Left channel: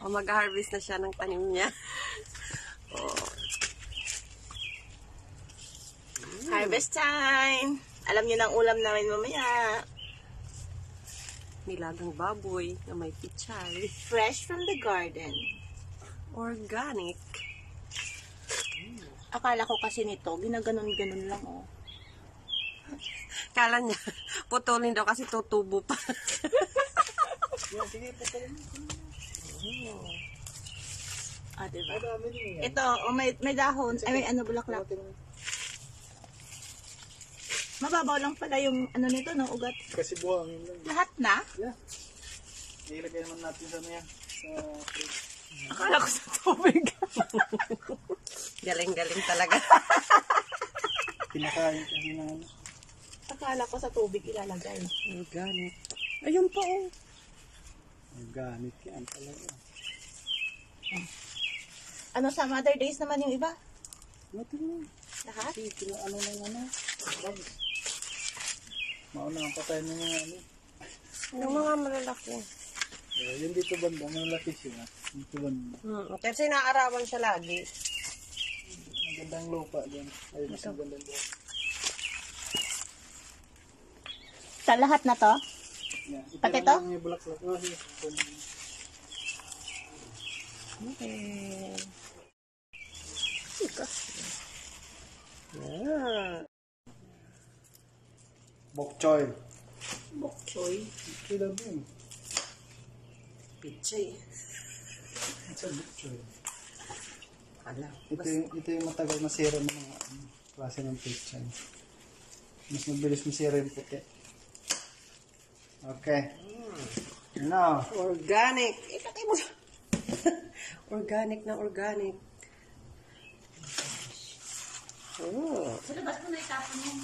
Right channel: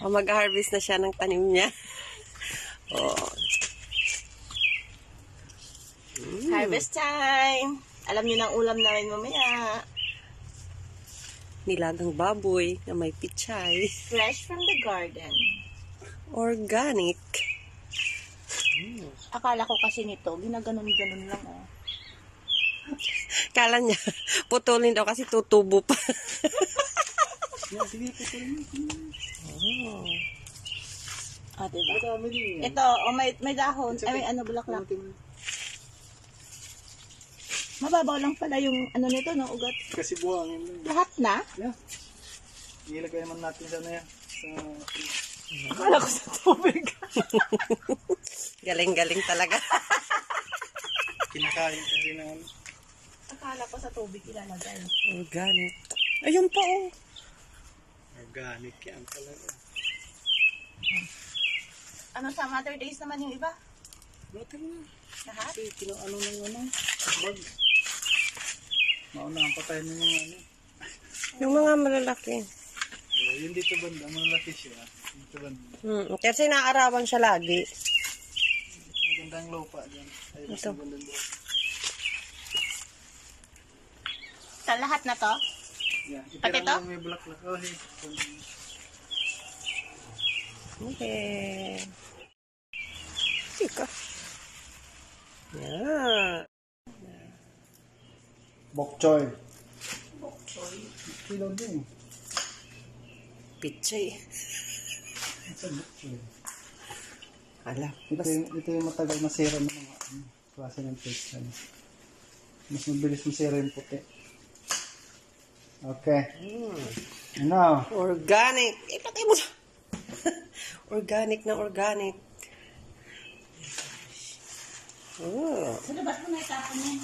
O, mag-harvest na siya ng tanim niya. Oh. Harvest time! Alam niyo ng ulam namin mamaya. Nilagang baboy na may pichay. Fresh from the garden. Organic. Akala ko kasi nito, ginaganon-ganon lang oh. Kala niya, putulin daw kasi tutubo pa. Sige, putulin. Oh. Ah, diba? Ito, oh, may dahon. Ay, may ano, bulaklak. Mababaw lang pala yung ano nito, no? Ugat. Kasi buhangin lang. Lahat na? Yeah. Ilagay naman natin sa na yan. Akala ko sa tubig. Galing-galing talaga. Kinakain kasi na ano. Akala ko sa tubig ilalagay. Organic. Ayun pa oh. Organic yan talaga. Ano sa Mother Days naman yung iba? Buti mo. Lahat? Kasi ano ng ano. Bag. Mauna ang patayin ng mga ano. Yung mga malalaki. Yun dito banda. Malaki siya. Dito banda. Kasi naarawan siya lagi. Magandang lupa dyan. Ayun mas magandang lupa. Sa lahat na to? Yeah. Pati Itira to? mo may bulaklak. Oh, hey. Okay. Sika. Yeah. Bok choy. Bok choy. Kilo din. Pichay. Sa bok choy. Ala. Ito yung matagal masira ng mga klase ng pichay. Mas mabilis masira yung puti. Okay. Ano? Organic. Ipatay mo. Organic na organic. Oh. Sa labas mo na itapon yan.